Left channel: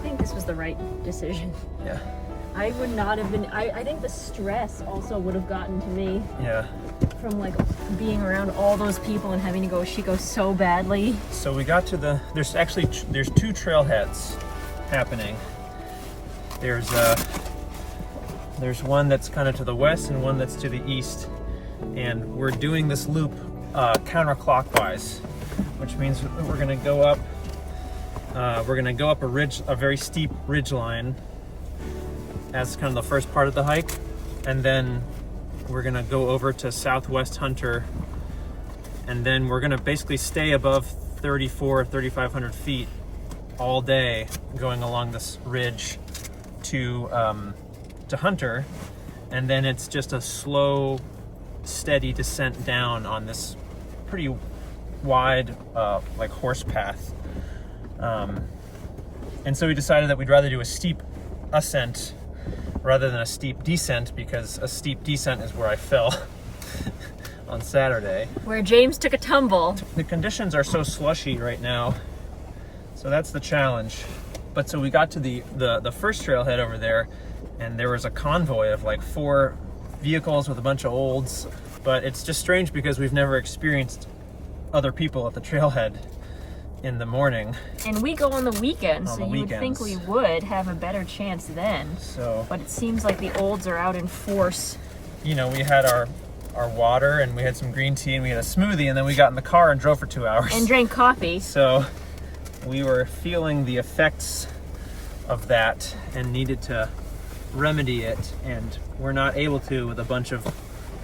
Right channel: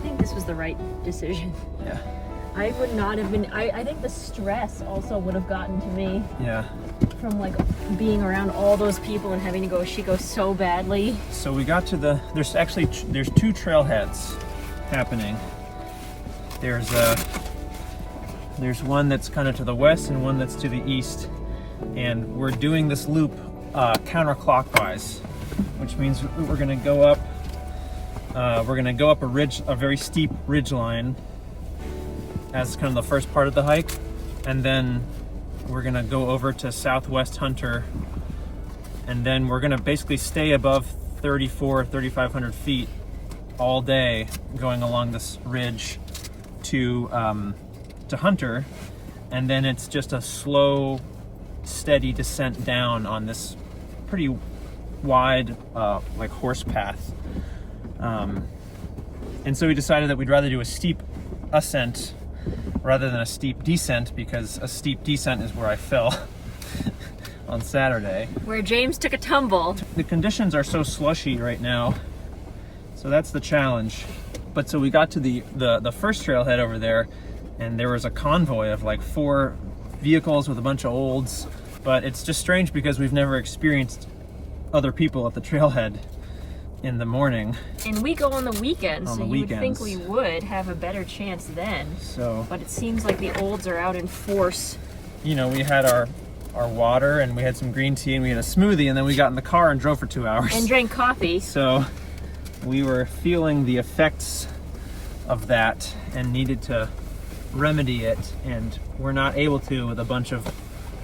think this was the right decision. Yeah. I would not have been. I think the stress also would have gotten to me. Yeah. From like being around all those people and having to go Chico so badly. So we got to there's two trailheads happening. There's one that's kind of to the west and one that's to the east, and we're doing this loop counterclockwise, which means we're gonna go up. We're gonna go up a very steep ridge line as kind of the first part of the hike, and then we're gonna go over to Southwest Hunter, and then we're gonna basically stay above 3,500 feet all day, going along this ridge to Hunter, and then it's just a slow, steady descent down on this pretty wide, like horse path. And so we decided that we'd rather do a steep ascent rather than a steep descent, because a steep descent is where I fell on Saturday. Where James took a tumble. The conditions are so slushy right now, so that's the challenge. But so we got to the first trailhead over there, and there was a convoy of like 4 vehicles with a bunch of olds, but it's just strange because we've never experienced other people at the trailhead in the morning. And we go on the weekends, so you would think we weekends. would have a better chance then. So, but it seems like the olds are out in force. You know, we had our water, and we had some green tea, and we had a smoothie, and then we got in the car and drove for 2 hours. And drank coffee. So we were feeling the effects of that and needed to remedy it, and we're not able to with a bunch of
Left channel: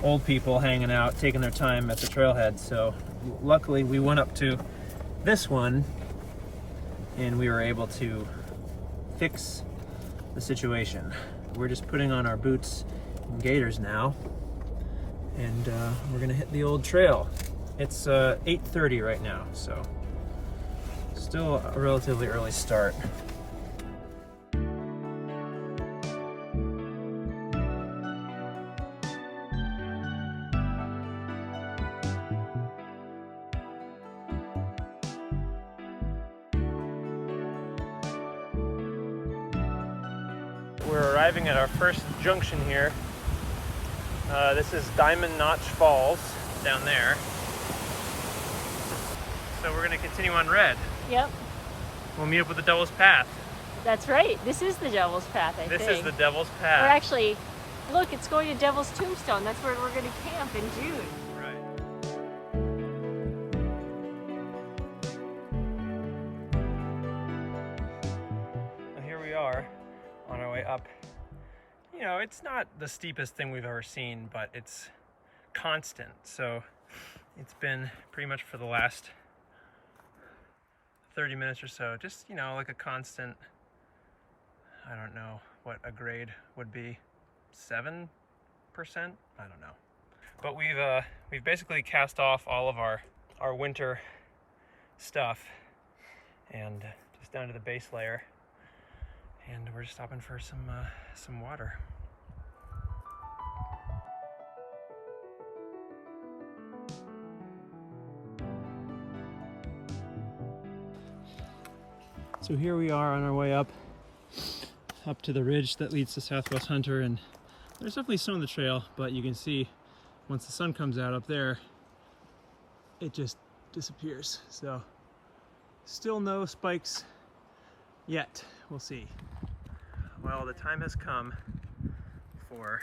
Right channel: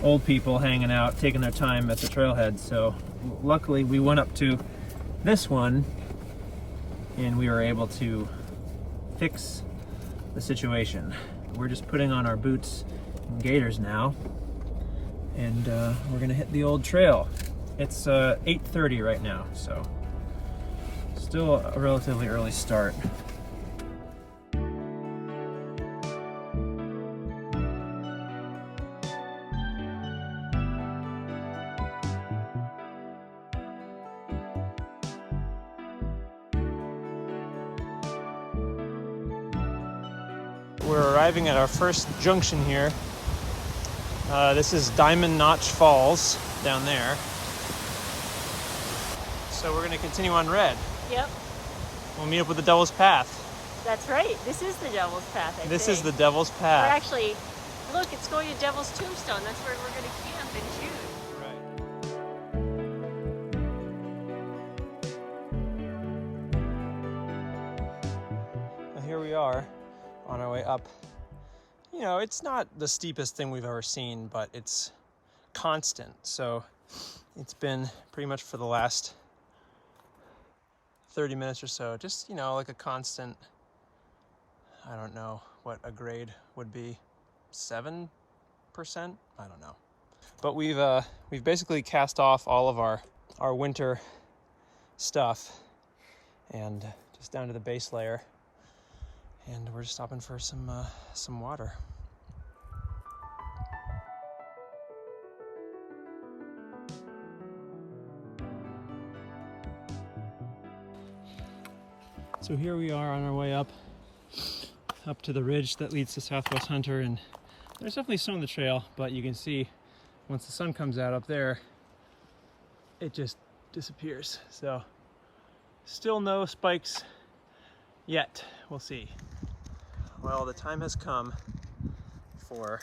old people hanging out, taking their time at the trailhead. So luckily we went up to this one and we were able to fix the situation. We're just putting on our boots and gaiters now, and we're gonna hit the old trail. It's 8:30 right now, so still a relatively early start. We're arriving at our first junction here. This is Diamond Notch Falls down there. So we're gonna continue on red. Yep, We'll meet up with the Devil's Path. that's right. This is the Devil's Path, I This think. is the Devil's We're Path. actually, look, it's going to Devil's Tombstone. That's where we're going to camp in June. And here we are on our way up. You know, it's not the steepest thing we've ever seen, but it's constant. So it's been pretty much for the last 30 minutes or so, just, you know, like a constant, I don't know what a grade would be, 7%? I don't know. But we've basically cast off all of our winter stuff and just down to the base layer. And we're just stopping for some water. So here we are on our way up to the ridge that leads to Southwest Hunter, and there's definitely snow on the trail, but you can see once the sun comes out up there, it just disappears. So still no spikes yet. We'll see. Well, the time has come for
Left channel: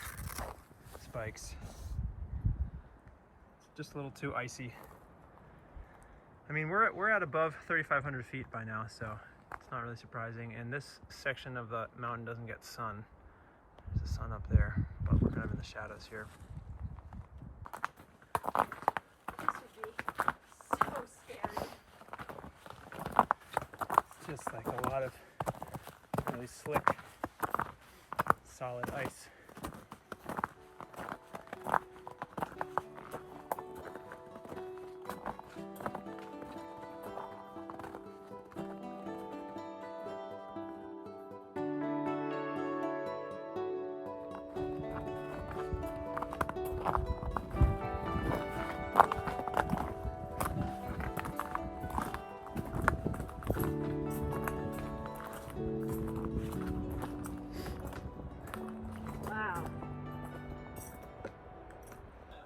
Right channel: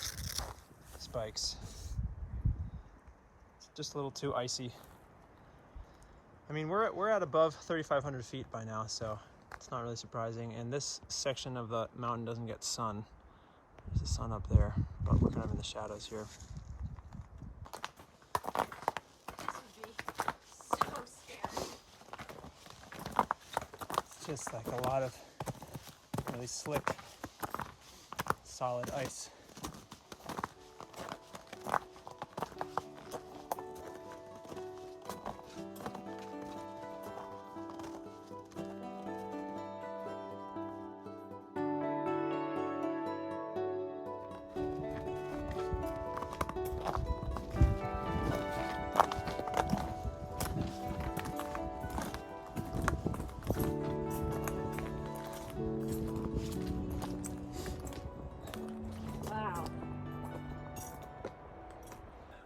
spikes. It's just a little too icy. I mean, we're at above 3,500 feet by now, so it's not really surprising. And this section of the mountain doesn't get sun. There's the sun up there, but we're kind of in the shadows here. This would be so scary. It's just like a lot of really slick, solid ice.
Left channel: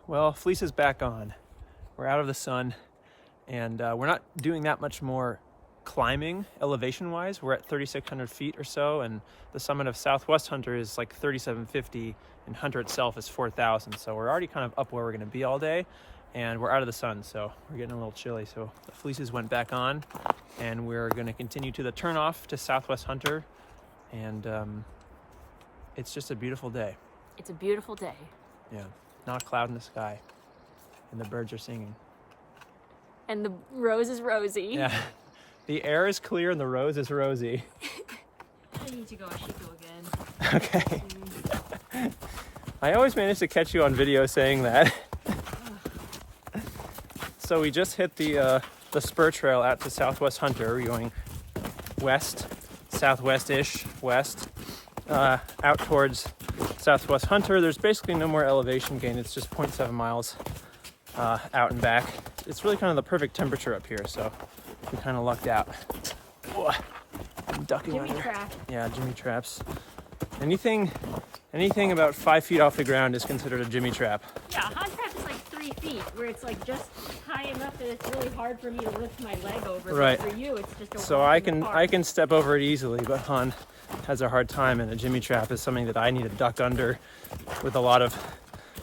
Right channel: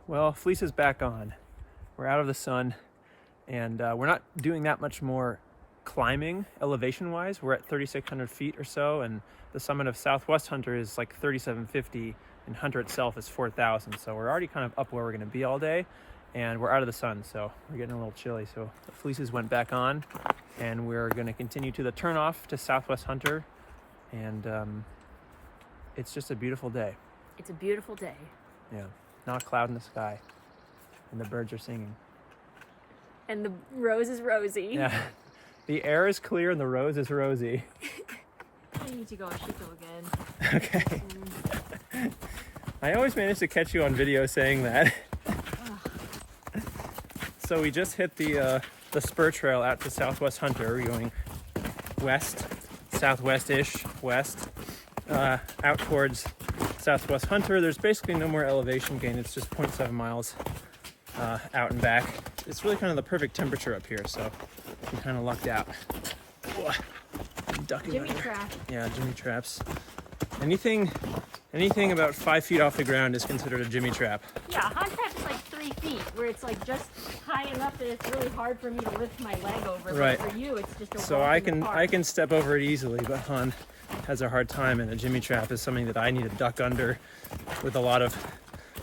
Well, fleece is back on. We're out of the sun, and we're not doing that much more climbing elevation-wise. We're at 3,600 feet or so, and the summit of Southwest Hunter is like 3,750, and Hunter itself is 4,000. So we're already kind of up where we're going to be all day, and we're out of the sun, so we're getting a little chilly. So the fleeces went back on, and we're going to continue to the turnoff to Southwest Hunter, and it's just a beautiful day. It's a beautiful day. Yeah, not a cloud in the sky, and the birds are singing. And the rose is rosy. Yeah, the air is clear and the rose is rosy. I need to go. I should go again. Okay. I always manage to catch you on video saying that. So we just hit the spur trail out to Southwest Hunter. We're going west, southwest-ish, west, out towards Southwest Hunter. There's basically no more elevation gain. It's just 0.7 miles out and back. It's really kind of the perfect temperature up here, so we kind of lucked out. Whoa. I'm ducking Jimmy under. trap. Yeah, Jimmy traps. Anything about 5 feet off the ground is considered a Jimmy trap. Yeah, hot trap is like 3 feet, where it's like just high enough that it's really hard for me to lift my leg over. Right. But for you, it's just a So walk I in the can park. step over it easily, but Han has a hard time, and a Jimmy trap is something that I need to duck under with a lot of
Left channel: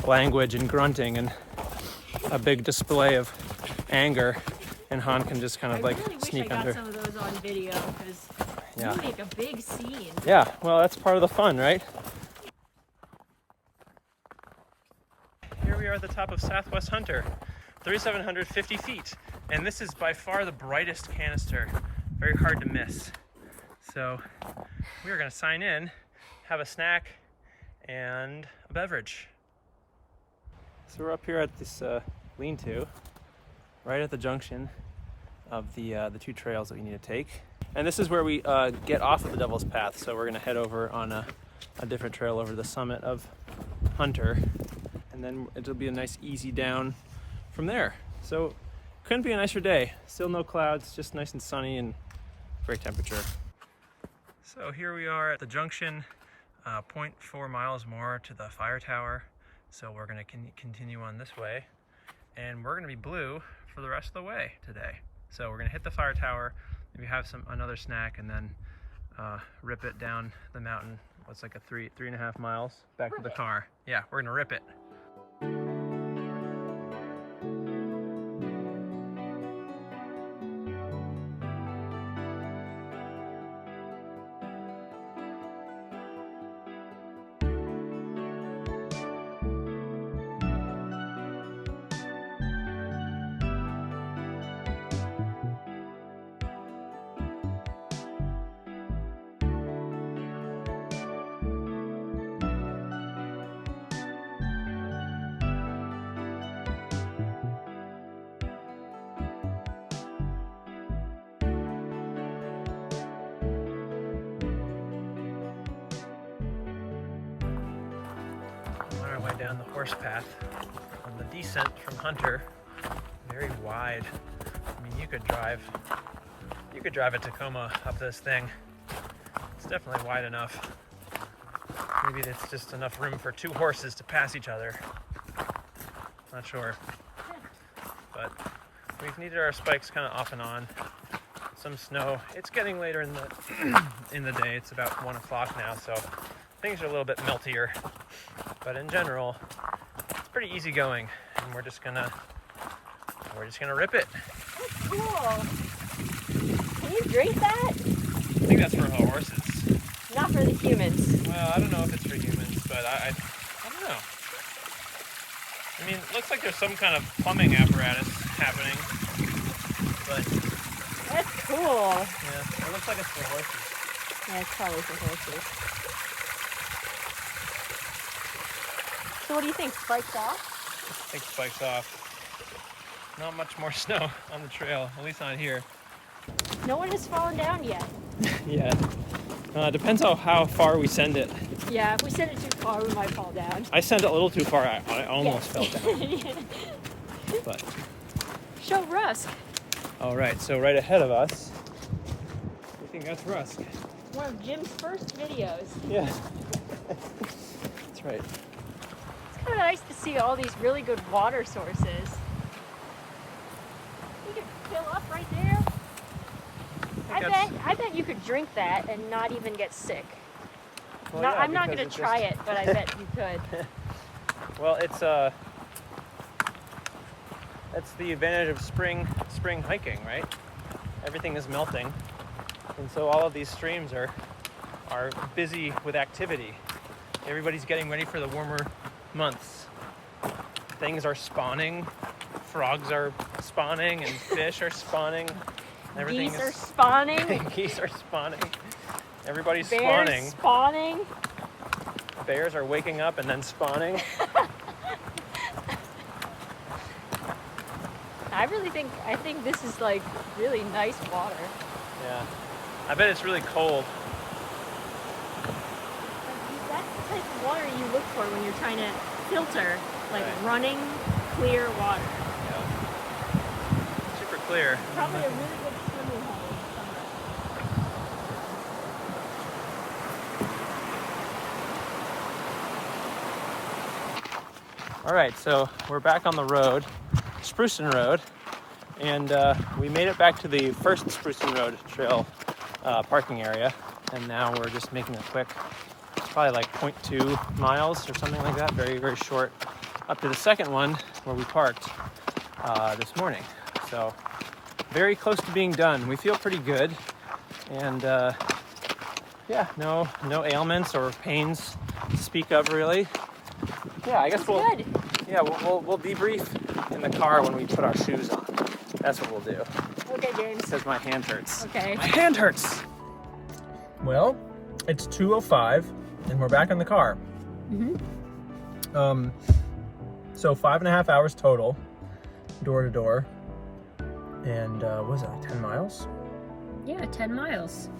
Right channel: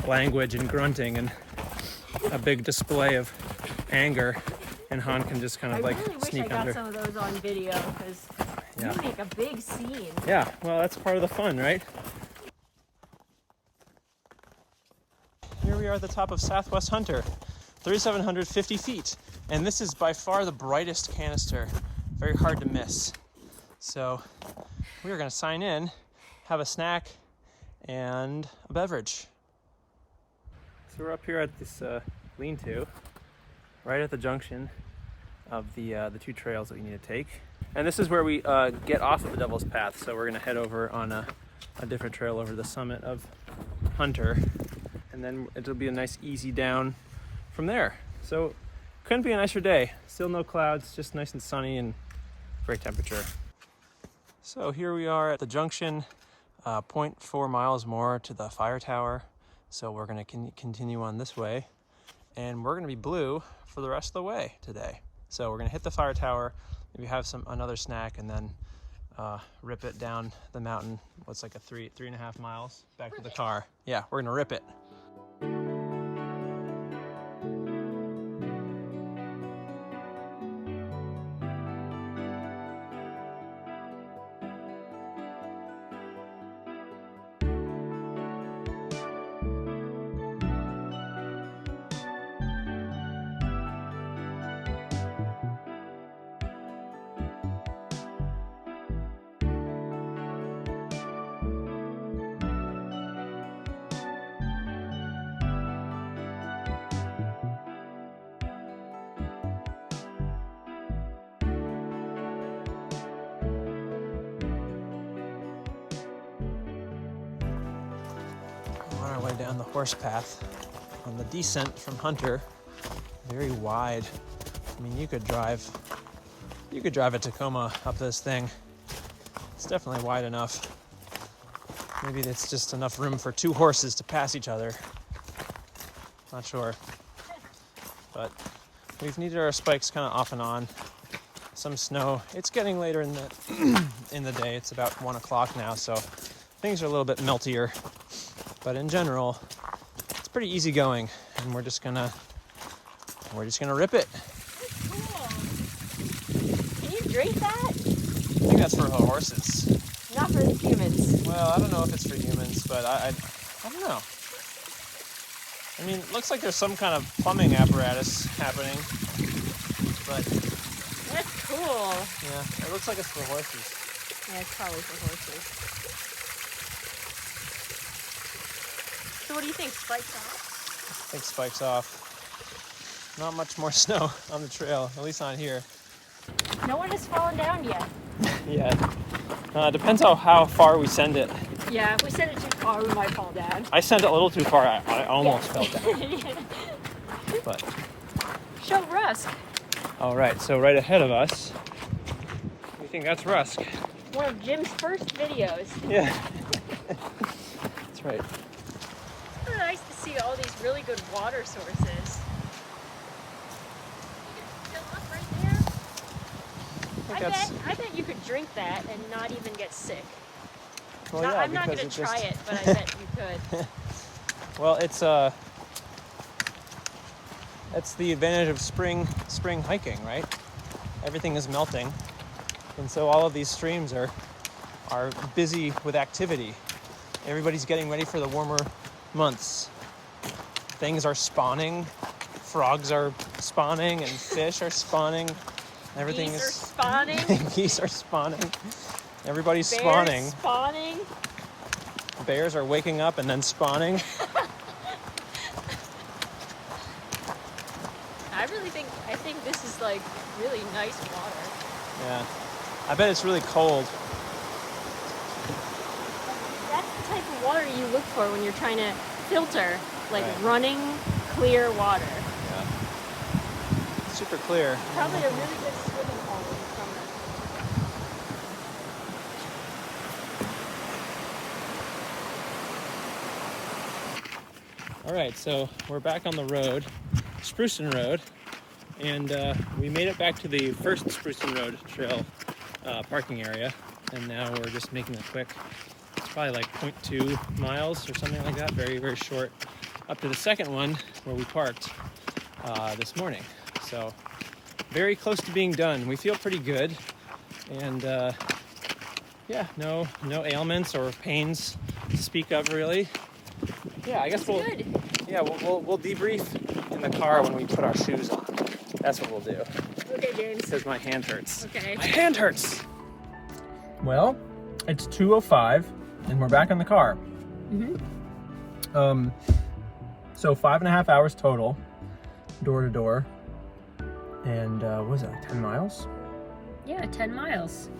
language and grunting and a big display of anger, and Han can just kind of I like really wish I sneak got under. some of those on video, because Yeah. you make a big scene. Yeah, well, that's part of the fun, right? Here we are at the top of Southwest Hunter, 3,750 feet, and this is by far the brightest canister. Very hard to miss. So we're gonna sign in, have a snack, and a beverage. So we're up here at this lean-to, right at the junction of the two trails that we need to take. And this is where we get off of the Devil's Path, so we're gonna head over on a different trail over the summit of Hunter, and then it'll be a nice easy down from there. So couldn't be a nicer day. Still no clouds, just nice and sunny and great temperature. So here we are at the junction, 0.4 miles more to the fire tower. So we're gonna continue on this way, and we're gonna be blue for the rest of the way today. So we're gonna hit the fire tower, maybe have another snack, and then rip it down the mountain. What's like a 3.5 miles back to the car. Yeah, we're gonna rip it. On our way down the horse path on the descent from Hunter, very wide. I mean, you could drive a Tacoma up this thing. It's definitely wide enough. Maybe it's just enough room for 2 horses to pass each other. Not sure. But we've needed our spikes kind of off and on. Some snow. It's getting later in the in the day. It's about 1 o'clock now, so things are a little bit meltier. But in general, it's pretty easy going, and we're just gonna rip it. That's cool. Can you drink that? I think that's for the horses. Not for the humans. Well, I don't know if it's for humans, but I don't know. I mean, it looks like there's some kind of plumbing apparatus happening, but That's cool. yeah, it looks like it's for horses. Yeah, it's probably for horses. So what do you think? Spikes off? I think spikes off. Not much more snow on the trail, at least not here. No one has fallen down yet. Yeah. Depends on how far we send it. Yeah, if we send it too far, we might fall down. I sent it a little too far. I almost fell down. But Show Rusk. all right, so right ahead of us, we think that's Rusk. One of Jim's first videos. Yeah. That's right. I don't know, nice to see all these really good water sources. You can fill up right there. I bet you could drink that and not even get sick. Well, No, yeah, I'm not because going to it's try just- it, but I bet you could. Well, it's that's the advantage of spring hiking, right? Everything is melting, and so all of these streams are busy with activity. Everybody's getting ready for the warmer months. Things are spawning, frogs are spawning, and fish are spawning. Everything Geese are is spawning. geese are spawning. Everybody's Bears spawning. spawning. Bears are waking up and then spawning. I think this is like really nice water. Yeah. I bet it's really cold. That's the type of water you look for when you're trying to filter, like running, clear water. Super clear. Probably a really good swimming hole in summer. All right, so we're back on the road, Spruceton Road, and we made it back to the first Spruceton Road Trail parking area, and now we're just making a quick, it's probably like 0.2 miles or something like that, very, very short, up to the second one where we parked this morning. So very close to being done. We feel pretty good, and yeah, no ailments or pains to speak of really. Yeah, I guess we'll debrief in the car when we put our shoes on. That's what we'll do. Okay, James. Because my hand hurts. Okay. My hand hurts! Well, it's 2:05 and we're back in the car. Mm-hmm. So 5.5 hours total, door to door. And what was it, like 10 miles? Yeah, 10 miles.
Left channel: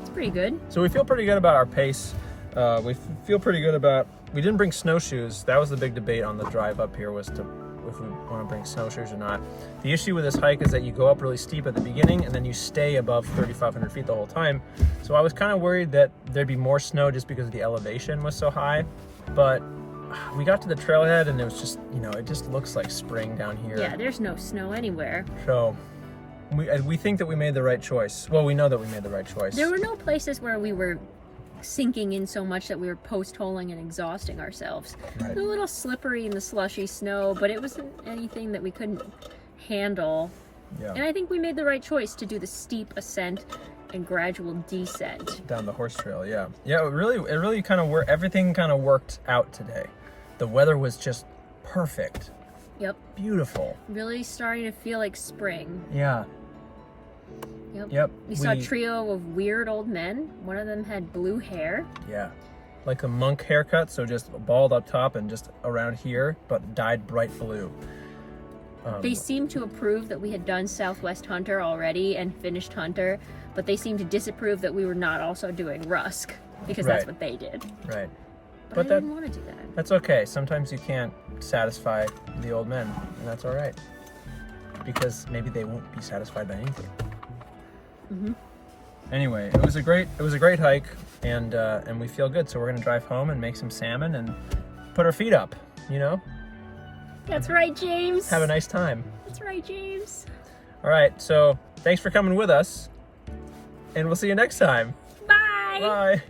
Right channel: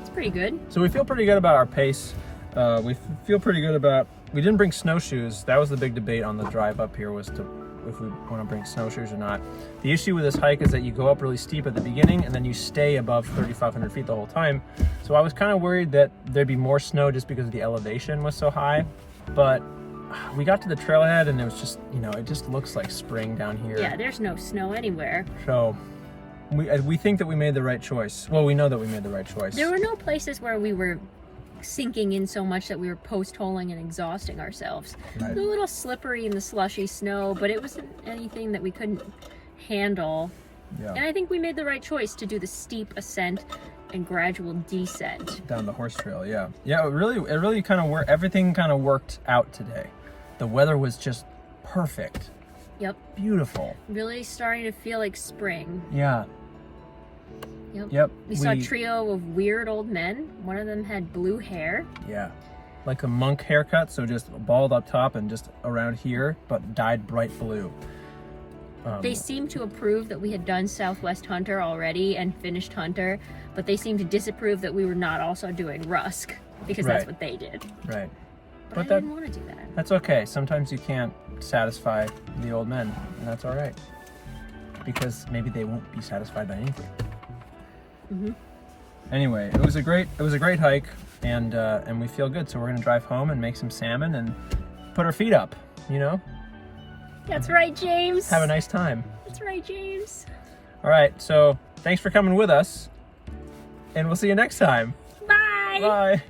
It's pretty good. So we feel pretty good about our pace. We feel pretty good about, we didn't bring snowshoes. That was the big debate on the drive up here, was to if we want to bring snowshoes or not. The issue with this hike is that you go up really steep at the beginning and then you stay above 3,500 feet the whole time. So I was kind of worried that there'd be more snow just because the elevation was so high. But we got to the trailhead and it was just, you know, it just looks like spring down here. Yeah, there's no snow anywhere. So we think that we made the right choice. Well, we know that we made the right choice. There were no places where we were sinking in so much that we were post-holing and exhausting ourselves. Right. It was a little slippery in the slushy snow, but it wasn't anything that we couldn't handle. Yeah. And I think we made the right choice to do the steep ascent and gradual descent. Down the horse trail, yeah. Yeah, it really kind of worked. Everything kind of worked out today. The weather was just perfect. Yep. Beautiful. Really starting to feel like spring. Yeah. Yep. We saw a trio of weird old men. One of them had blue hair. Yeah. Like a monk haircut, so just bald up top and just around here, but dyed bright blue. They seemed to approve that we had done Southwest Hunter already and finished Hunter, but they seemed to disapprove that we were not also doing Rusk, because that's what they did. Right. But I didn't want to do that. That's okay. Sometimes you can't satisfy the old men, and that's all right. Because maybe they won't be satisfied by anything. Mm-hmm. Anyway, it was a great hike, and we feel good. So we're gonna drive home and make some salmon and put our feet up. You know. That's right, James. Have a nice time. That's right, James. All right. So thanks for coming with us, and we'll see you next time. Bye. Bye.